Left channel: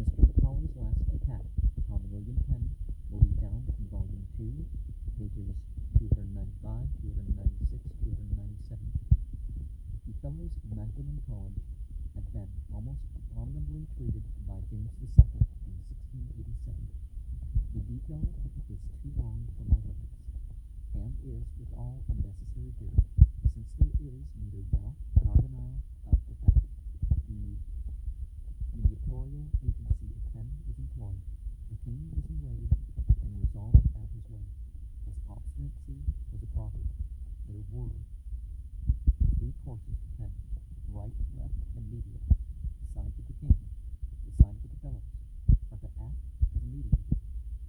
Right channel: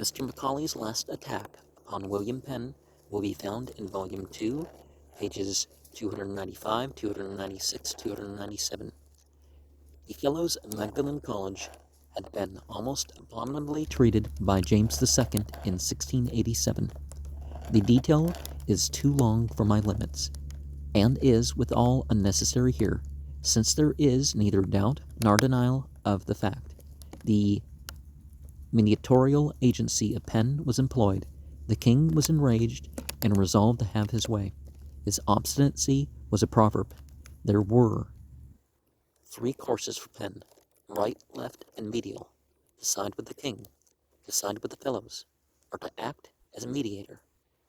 Mr. Macaulay's last attack upon William Penn will be found in Volume 2, pages 295, 296, 297. The Fellows of Magdalen College had been almost abominably treated by James II in 1687. The detail is too long for my limits, and is withal unnecessary here, since there is neither doubt nor denial of the fact. The mediatorial agency of Penn was employed. The king was enraged and resolved to have his way. His obstinacy was a proverb. There were three courses for Penn: right, left, and medial. To side with the king, to side with the fellows, or to act as a mediator.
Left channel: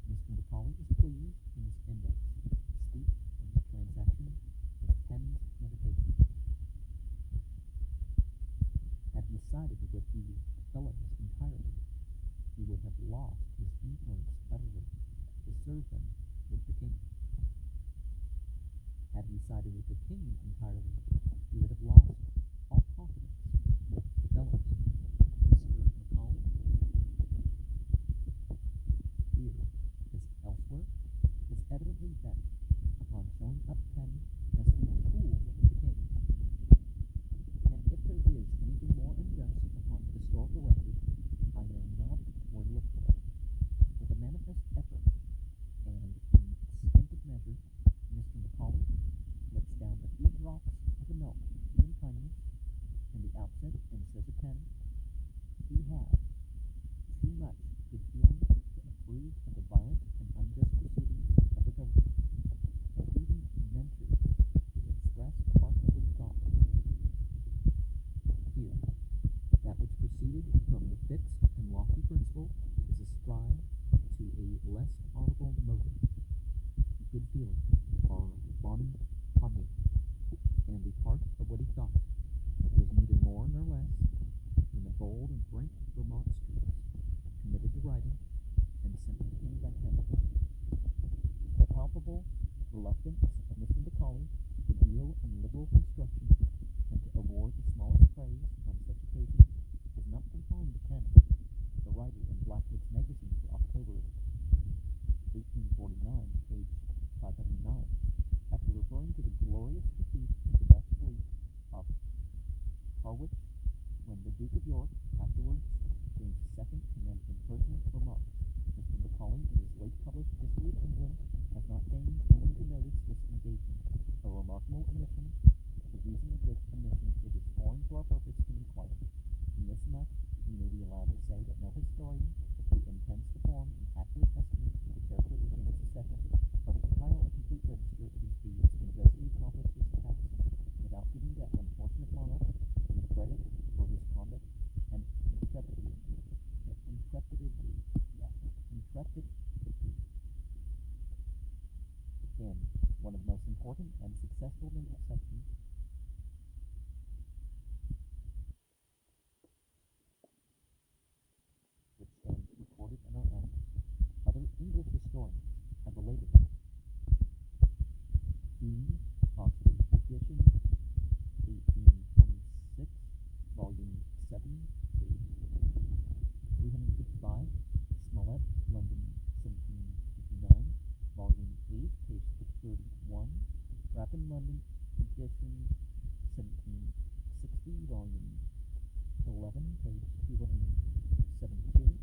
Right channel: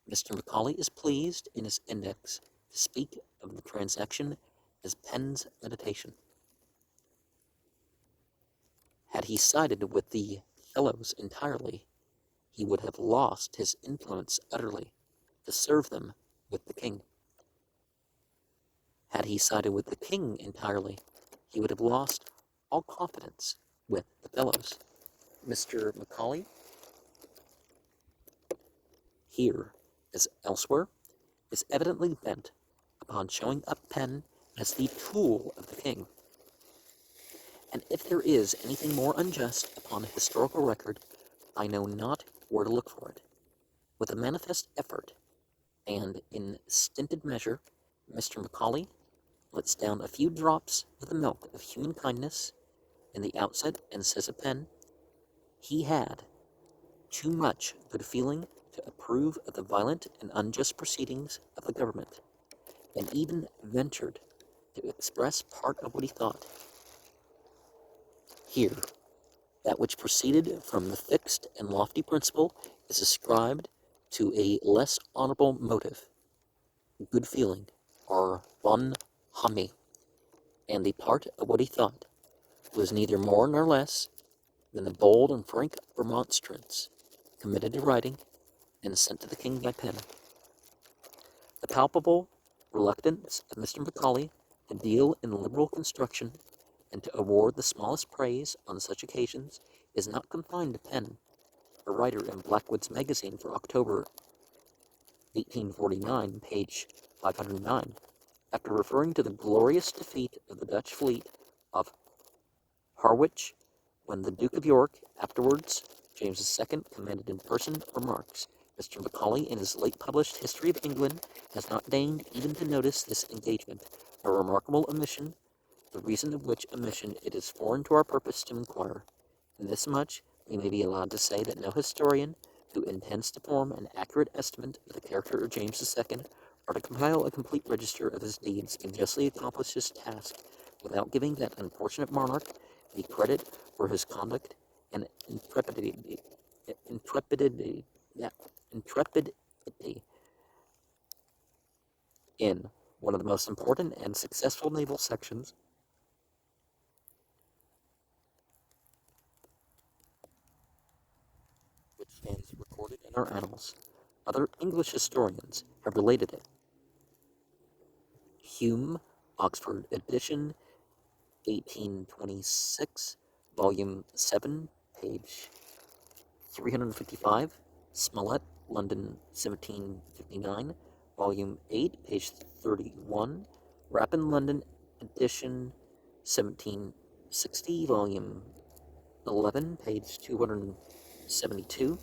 Mr. Macaulay is pleased in his index to speak of the transaction as Penn's meditation. Had he sided with the fellows entirely, he would have lost his influence utterly to serve them with the king. Had he sided with the king entirely, he would have lost all confidence with the fellows. Mr. Macaulay, here as elsewhere, is evidently bent upon showing up Penn as the tool of the king. And if there is anything more unjust upon a historical record, I know not where to look for it. With a manifest effort, and in stinted measure, Mr. Macaulay lets down a few drops of the milk of human kindness in the outset, and says of Penn, he had too much good feeling to approve of the violent and unjust proceedings of the government, and even ventured to express part of what he thought. Here, that which proceeded from the fixed and lofty principle is ascribed to a less honorable motive, good feeling, or bonhomie, and the part of what he thought was neither more nor less than the bold and frank remonstrance committed to writing and sent to the king by Penn. The palpable reluctance of Mr. Macaulay to deal in liberal construction and to award the smallest praise on such occasions is not confined to Penn. A writer in Blackwood's Magazine for October 1849, page 509, after referring to the glorious defeat of the Dutch fleet of Harwich, when the Duke of York, afterwards James II, commanded in person, remarks, Mr. Macaulay, in his late published History of England, has not deigned even to notice this engagement, a remarkable omission, the reason of which omission it is foreign to our purpose to inquire. In this much we may be allowed to say that no historian who intends to form an accurate estimate of the character of James II, or to compile a complete register of his deeds, can justly accomplish his task without giving that unfortunate monarch the credit for his conduct and intrepidity in one of the most important and successful naval sections which stands recorded in our annals. Other English historians have related it. Hume, Oxford edition, 1826, volume 7, page 355. Smollett, London, 1759, volume 8, page 31. Rapin, London edition, 1760, volume 11, page 272.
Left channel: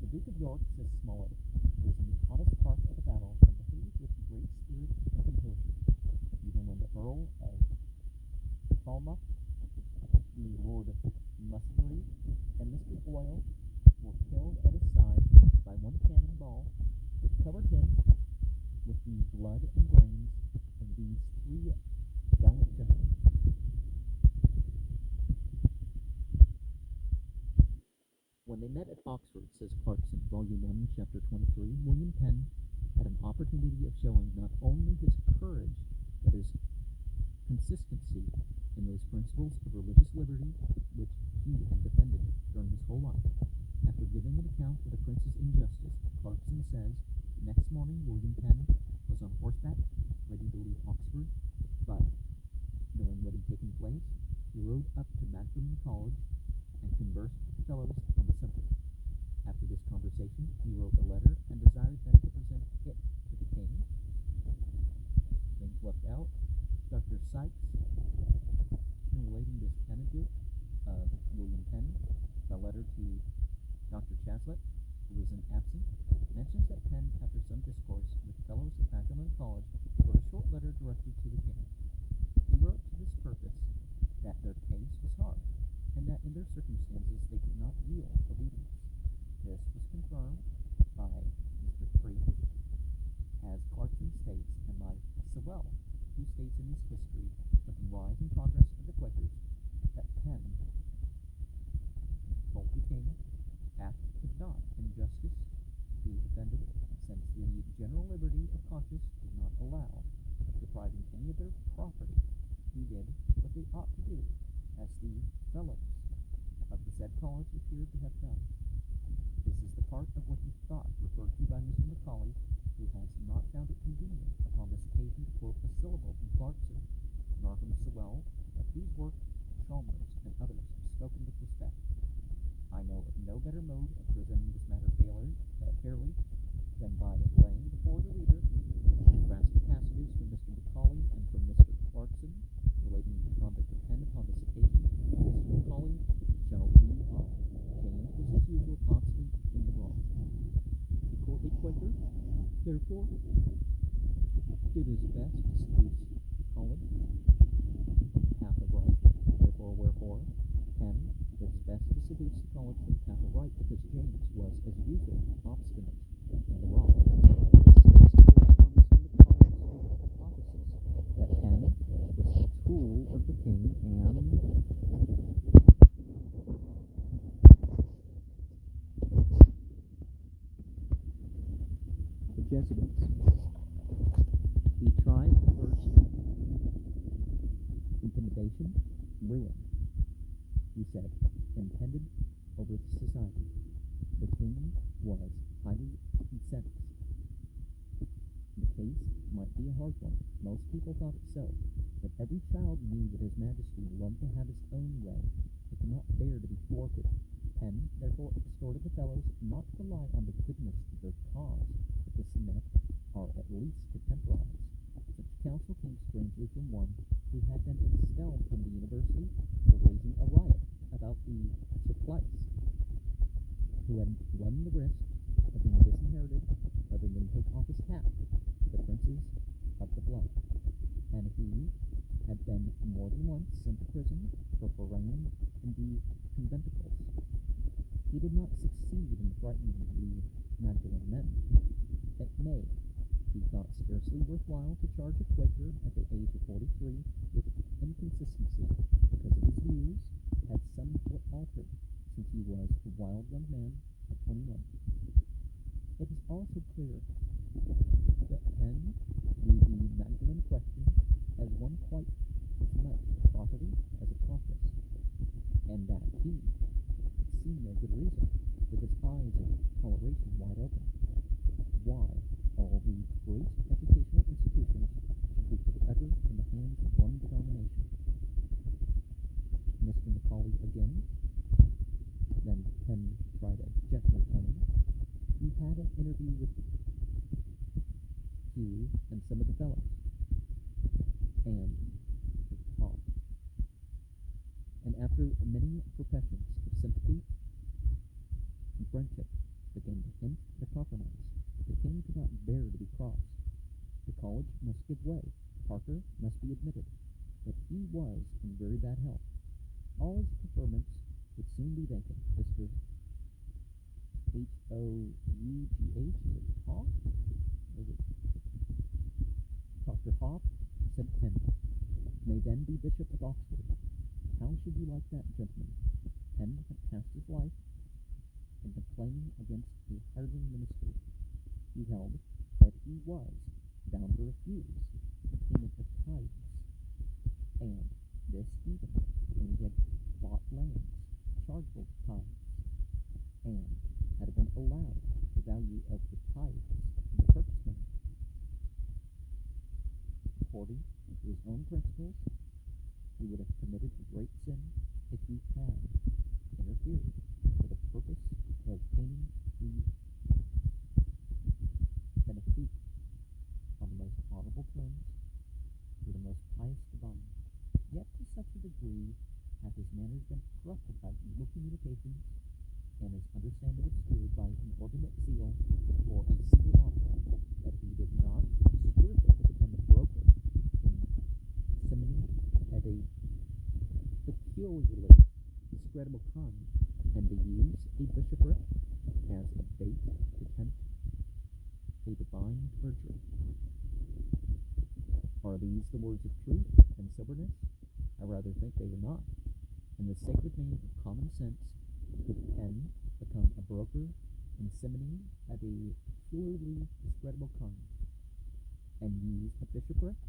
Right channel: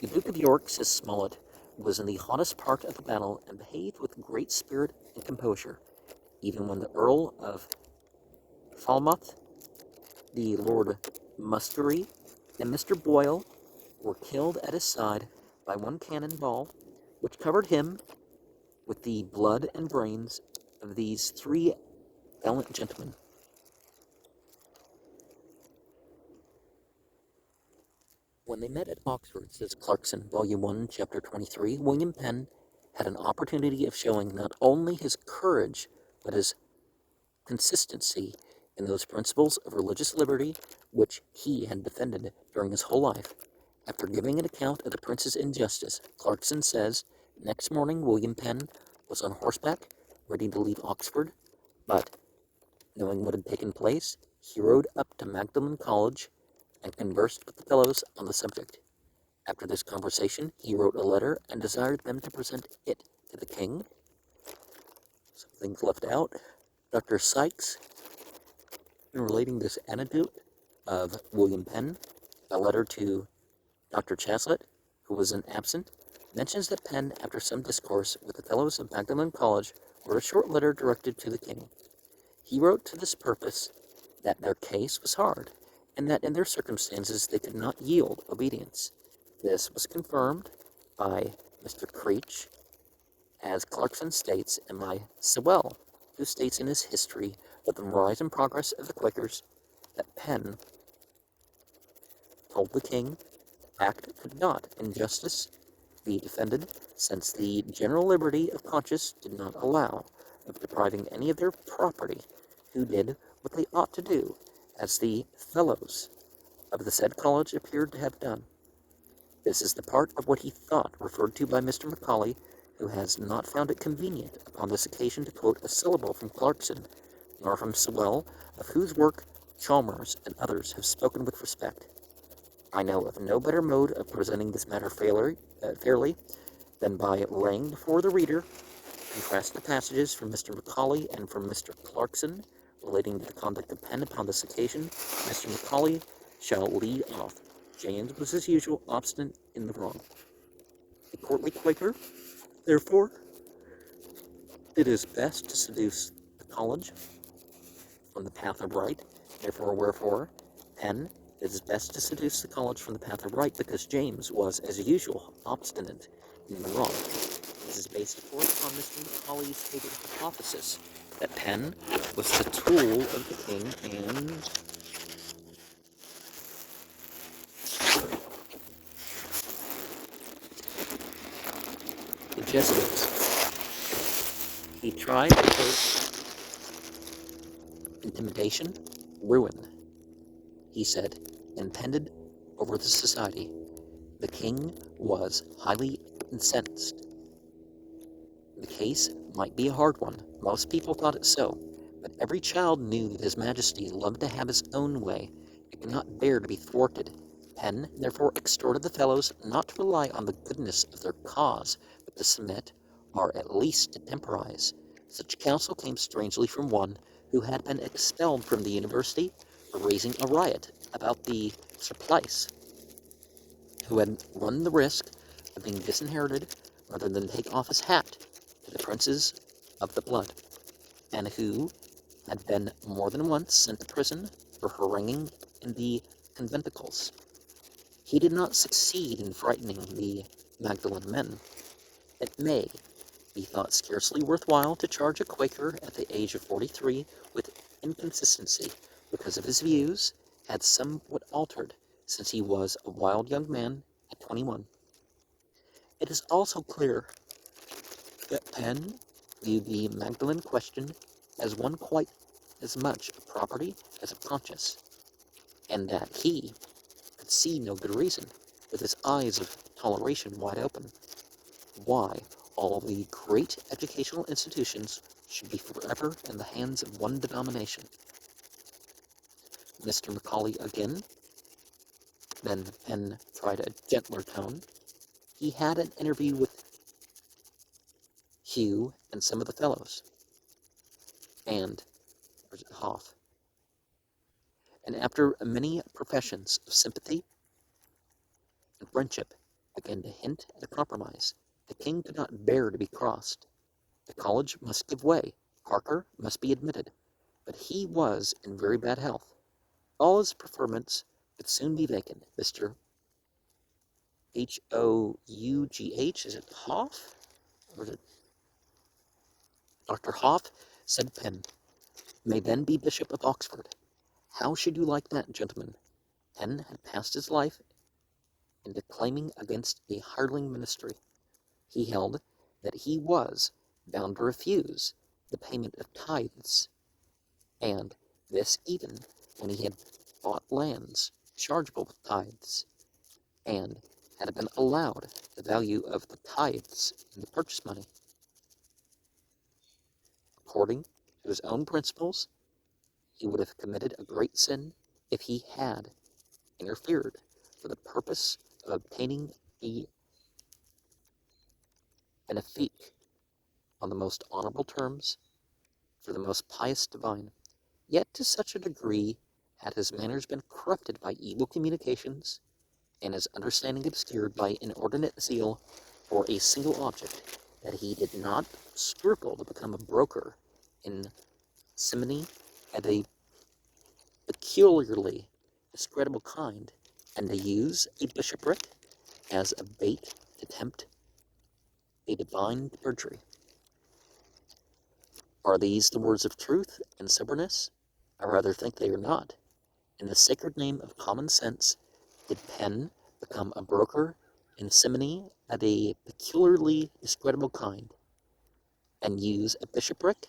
The Duke of York, says Smollett, was in the hottest part of the battle and behaved with great spirit and composure, even when the Earl of Falmouth, the Lord Muskerry, and Mr. Boyle were killed at his side by one cannon ball, which covered him with the blood and brains of these three valiant gentlemen. When they met at Oxford, says Clarkson, Volume 1, Chapter 23, William Penn had an opportunity of showing not only his courage, but his consistency in those principles of religious liberty which he had defended during his whole life. After giving an account of the prince's injustice, Clarkson says, next morning William Penn was on horseback, ready to leave Oxford, but, knowing what had taken place, he rode up to Magdalen College and conversed with the fellows on the subject. After this conversation, he wrote a letter and desired them to present it to the king. Some things left out. Dr. Sykes, in relating this anecdote of William Penn, a letter to Dr. Chaslet, who was absent, mentions that Penn, after some discourse with the fellows of Magdalen College, wrote a short letter directed to the king. He wrote to this purpose that their case was hard, and that in their circumstances they could not yield obedience. This was confirmed by Mr. Creech, as Clarkson states, and by Sewell, who states in his history of the rise and progress of the Quakers that Penn told the king the act could not, in justice, be defended, since the general liberty of conscience did not allow of depriving any of their property who did what they ought to do, as the fellows of the said college appeared to have done. This is the part of what he thought referred to by Mr. Macaulay, who has not found it convenient upon this occasion to quote a syllable from Clarkson, nor from Sewell, of whose work Chalmers and others have spoken with respect. I know of no better mode of presenting this matter fairly than by laying before the reader contrast the passages from Mr. Macaulay and from Mr. Clarkson relating to the conduct of Penn upon this occasion. Mr. Macaulay shall lead off. James was, as usual, obstinate in the wrong. The courtly Quaker, therefore, did his best to seduce the college from the path of right. Wherefore, Penn did his best to seduce the college from the path of right, because James was, as usual, obstinate in the wrong. This is based upon Mr. Macaulay's hypothesis that Penn was the tool of the king and the Jesuits. He tried first intimidation, ruin. He said, impended over the society. The king was highly incensed. The case might be a hard one. Most people thought it so, but every child knew that His Majesty loved to have his own way and could not bear to be thwarted. Penn therefore exhorted the fellows not to rely on the goodness of their cause, but to submit, or at least to temporize. Such counsel came strangely from one who had been expelled from the university for raising a riot about the surplice, who had run the risk of being disinherited rather than take off his hat to the princes of the blood, and who had been more than once sent to prison for haranguing in the conventicles. He did not succeed in frightening the Magdalen men. It may be thought scarcely worthwhile to charge a Quaker at the age of 43 with inconsistency, because of his views had somewhat altered since he was a wild young man at 21. It is also clear that Penn viewed the Magdalen question as one quite as much of property as of conscience, and that he could see no good reason, with his eyes of toleration wide open, why all the great educational institutions should be forever in the hands of one denomination. Mr. Macaulay again. Then Penn tried a gentler tone. He had an interview with Hugh and some of the fellows, and Hoff. And after many professions of sympathy and friendship, began to hint at a compromise. The king could not bear to be crossed. The college must give way. Parker must be admitted. But he was in very bad health. All his preferments would soon be vacant. Mr. Hough, is it Hoff? Or is it Dr. Hoff, said Penn, may then be Bishop of Oxford. How should you like that, gentlemen? Penn had passed his life in declaiming against a hireling ministry. He held that he was bound to refuse the payment of tithes, and this even when he had bought lands chargeable with tithes, and had been allowed the value of the tithes in the purchase money. According to his own principles, he would have committed a great sin if he had interfered for the purpose of obtaining a benefic on the most honorable terms for the most pious divine. Yet to such a degree had his manners been corrupted by evil communications, and his understanding obscured by inordinate zeal for a single object, that he did not scruple to become a broker in simony of a peculiarly discreditable kind, and to use a bishopric as a bait to tempt a divine perjury. Are these the words of truth and soberness? I rather think they are not. In the sacred name of common sense, did Penn become a broker in simony of a peculiarly discreditable kind, and use a bishopric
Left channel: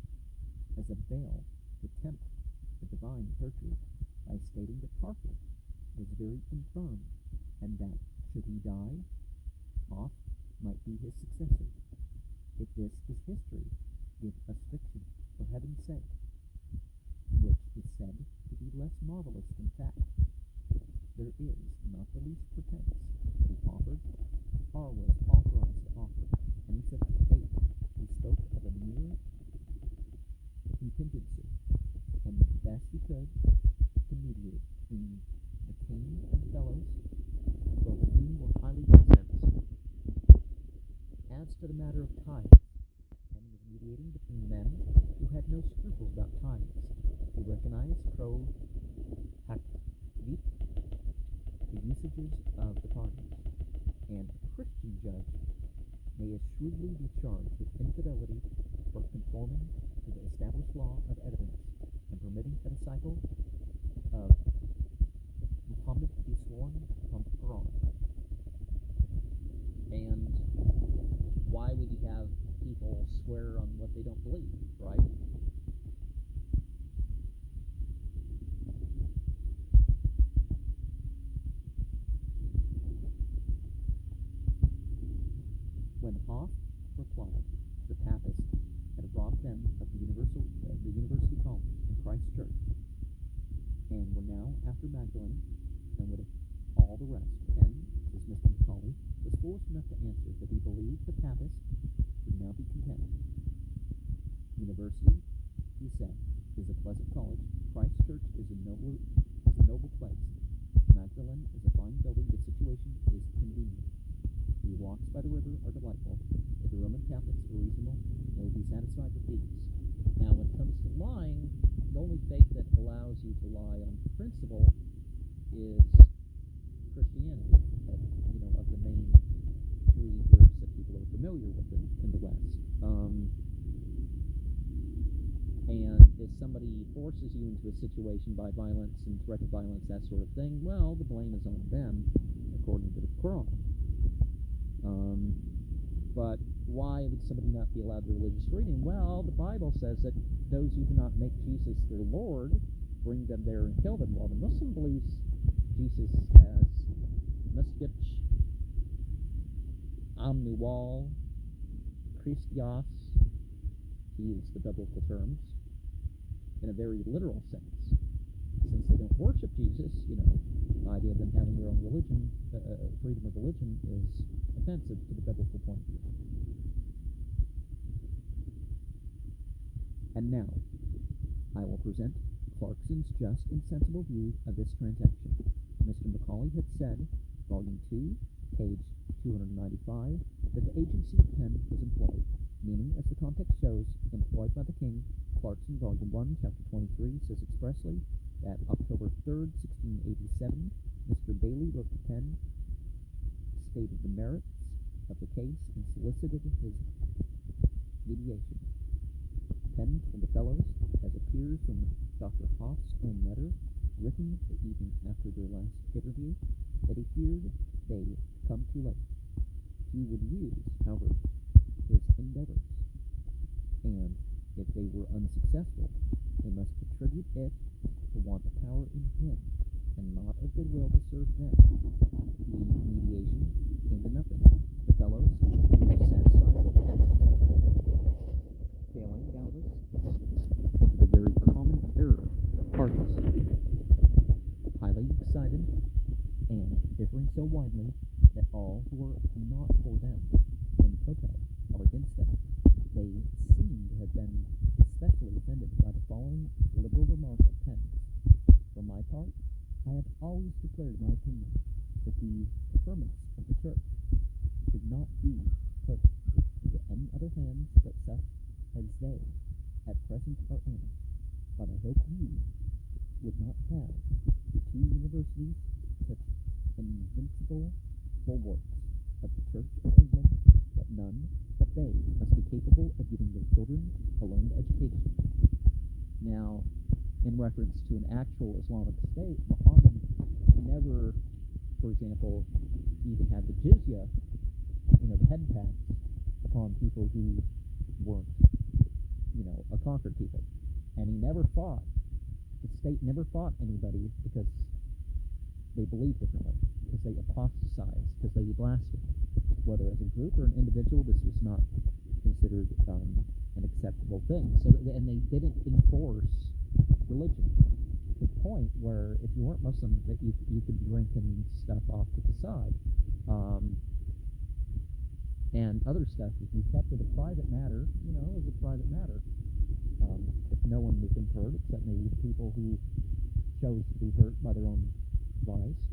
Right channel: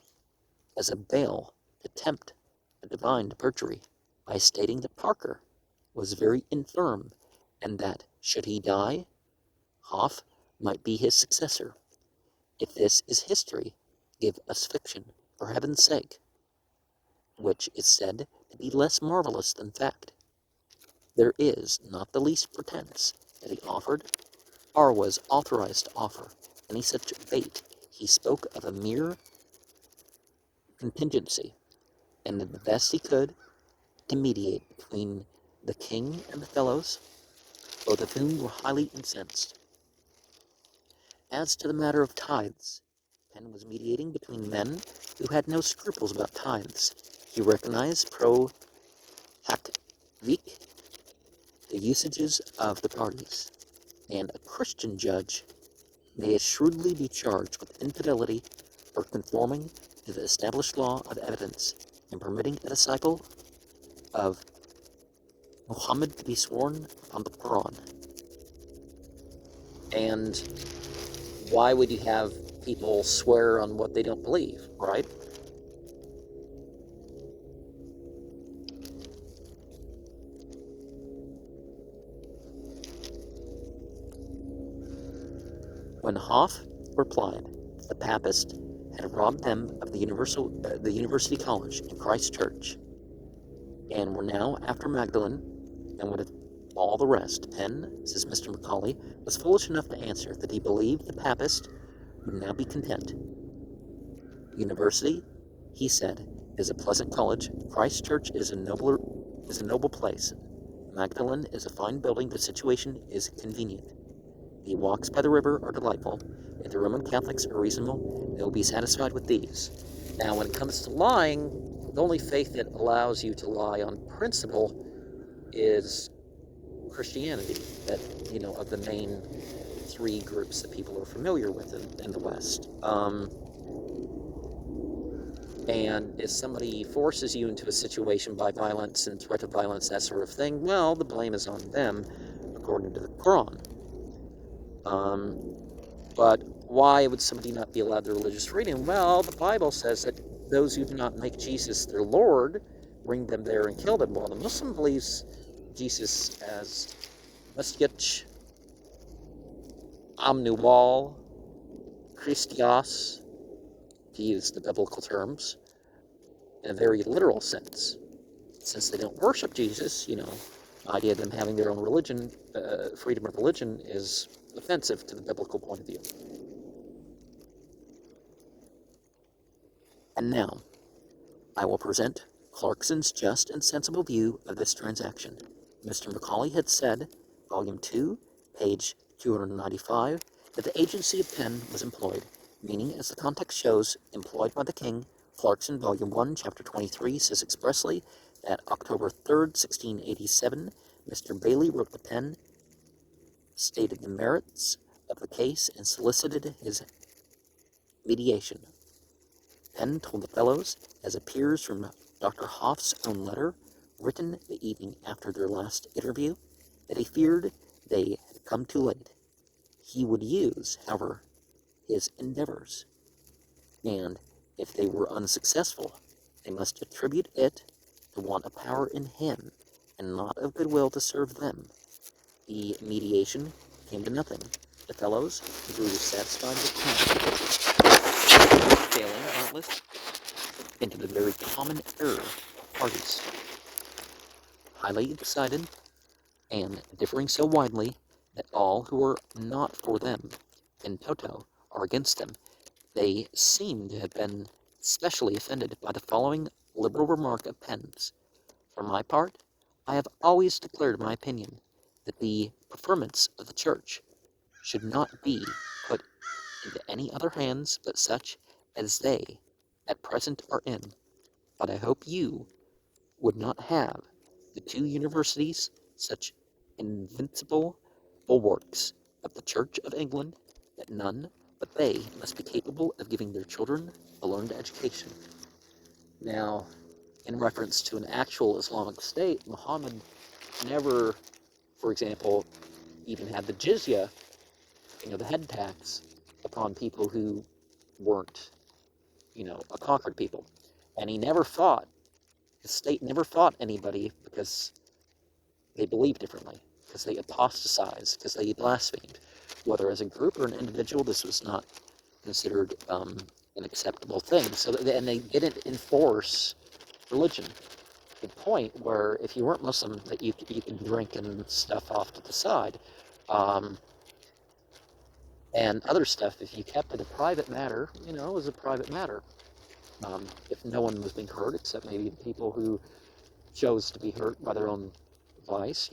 as a bail to tempt a divine perjury, by stating that Parker was very infirm, and that, should he die, Hoff might be his successor. If this is history, give us fiction, for heaven's sake, which is said to be less marvelous than fact. There is not the least pretense that he offered, or was authorized to offer, any such bait. He spoke of a mere contingency, and did the best he could to mediate between the king and the fellows, both of whom were highly incensed. As to the matter of tithes, Penn was mediating between men who had no scruples about tithes. He recognized pro hac vic the usages of the parties, and a Christian judge may as shrewdly be charged with infidelity for conforming to the established law of evidence and permitting a disciple of Muhammad to be sworn upon the Quran. And why would you have people swear on what they don't believe, right? When Hoff replied the Papist had robbed them of the University College in Christ Church, and were now after Magdalen, and with all the rest, Penn, says Mr. Macaulay, was foolish enough to answer that he believed the Papist would now be content. University, he said, is a pleasant college. Christ Church is a noble place. Magdalen is a fine building. The situation is convenient. The walks by the river are delightful. If the Roman Catholics are reasonable, they will be satisfied with these. Now, when it comes to lying, the only faith that allows you to lie on principle is Christianity, that, of the main three groups that people are familiar with in the West. And if somebody forces you into a situation by violence and threat of violence, that sort of thing, well, the blame is on them, according to the Quran. But why would somebody not be allowed their religious freedom? Well, the Bible says that those who do not make Jesus their Lord, bring them there and kill them. Well, the Muslim believes Jesus as Masjid Amnuwal Christios, to use the biblical terms, in a very literal sense. Since they don't worship Jesus, the idea of them having their own religion, freedom of religion, is offensive to the biblical point of view. And now, I will present Clarkson's just and sensible view of this transaction. Mr. Macaulay had said, Volume 2, page 295, that the agency of Penn was employed, meaning, as the context shows, employed by the king. Clarkson, Volume 1, Chapter 23, says expressly that October 3rd, 1687, Mr. Bailey wrote to Penn, stated the merits of the case, and solicited his mediation. Penn told the fellows, as appears from Dr. Hoff's own letter, written the evening after their last interview, that he feared they had come too late. He would use, however, his endeavors, and if they were unsuccessful, they must attribute it to want of power in him, and not of goodwill to serve them. The mediation came to nothing. The fellows grew satisfied with Penn, failing, doubtless, into the very common error of parties. Highly excited, and differing so widely that all who are not for them, in toto, are against them. They seem to have been especially offended by the following liberal remark of Penn's. For my part, I have always declared my opinion that the preferments of the Church should not be put into any other hands but such as they at present are in. But I hope you would not have the two universities such invincible bulwarks of the Church of England that none but they must be capable of giving their children a learned education. Now, in reference to an actual Islamic state, Muhammad never, for example, even had the jizya, the head tax, upon people who weren't, a conquered people. And he never fought, his state never fought anybody because they believed differently, because they apostatized, because they blasphemed. Whether as a group or an individual, this was not considered an acceptable thing. And they didn't enforce religion to the point where if you weren't Muslim, that you could drink and stuff off to the side. And other stuff, if you kept it a private matter, it was a private matter. If no one was being hurt, except maybe the people who chose to be hurt by their own vice,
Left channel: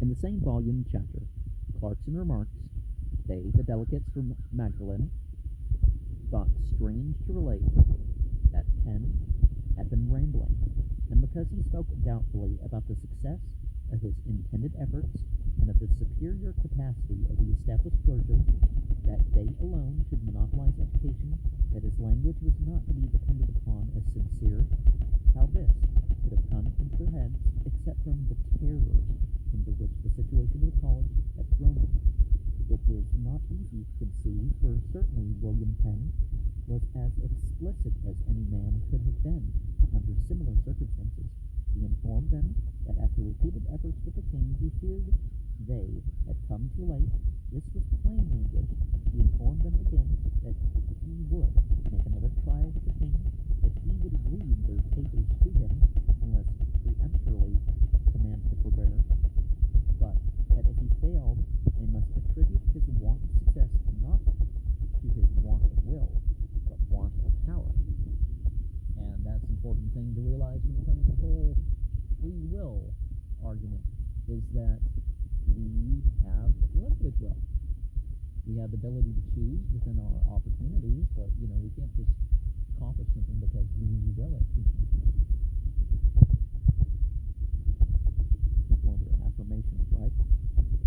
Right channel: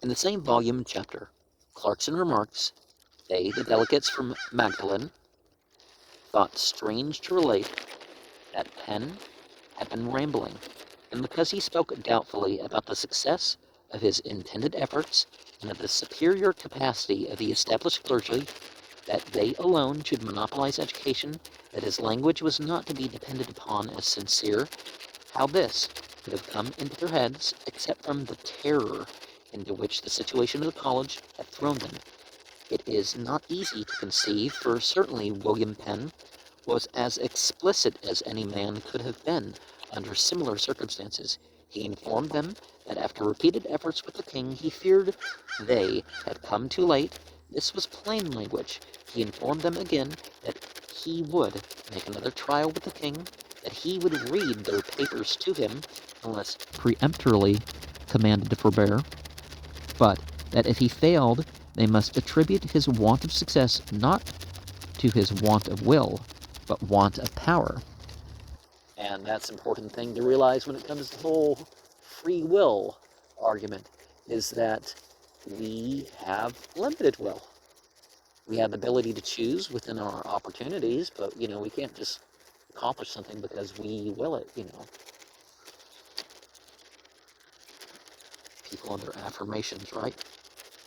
In the same volume and chapter, Clarkson remarks, they, the delegates from Magdalen, thought strange to relate that Penn had been rambling, and because he spoke doubtfully about the success of his intended efforts and of the superior capacity of the established clergy, that they alone should monopolize education, that his language was not to be depended upon as sincere, how this could have come into their heads except from the terror into which the situation of the college had thrown them. It is not easy to conceive, for certainly William Penn was as explicit as any man could have been under similar circumstances. He informed them that after repeated efforts with the king, he feared they had come too late. This was plain language. He informed them again that he would make another trial with the king, that he would read their papers to him unless peremptorily commanded to forbear, but that if he failed, they must attribute his want of success not to his want of will, but want of power. And that's an important thing to realize when it comes to the whole free will argument, is that we have limited will. We have the ability to choose within our opportunities, but, we can't just accomplish something because we will it, People and their affirmations, right?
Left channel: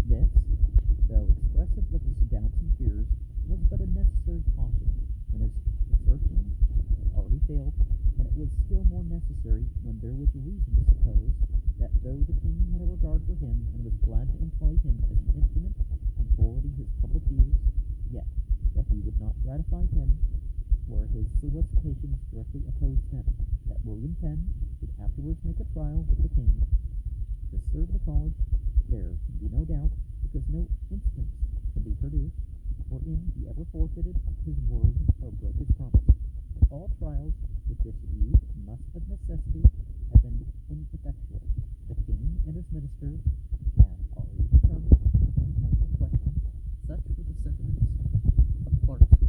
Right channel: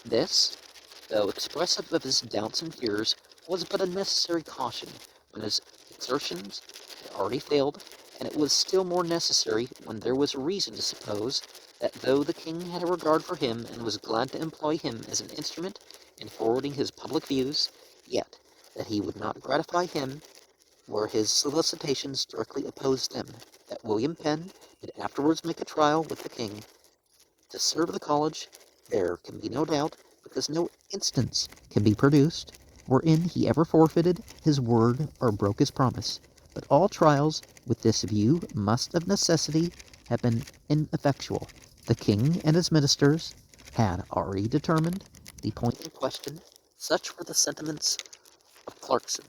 This, though expressive of his doubts and fears, was but a necessary caution when his exertions had already failed, and it was still more necessary when there was reason to suppose that though the king had a regard for him and was glad to employ him as an instrument in forwarding his public views, yet that he would not gratify him where his solicitations directly opposed them, that William Penn did afterwards make a trial with the king to serve the college, there can be no doubt, because no instance can be produced wherein he ever forfeited his word or broke his promise. But all trials with this view must of necessity have been ineffectual. The king and his ministers had already determined the point in question. Such were the sentiments of Clarkson.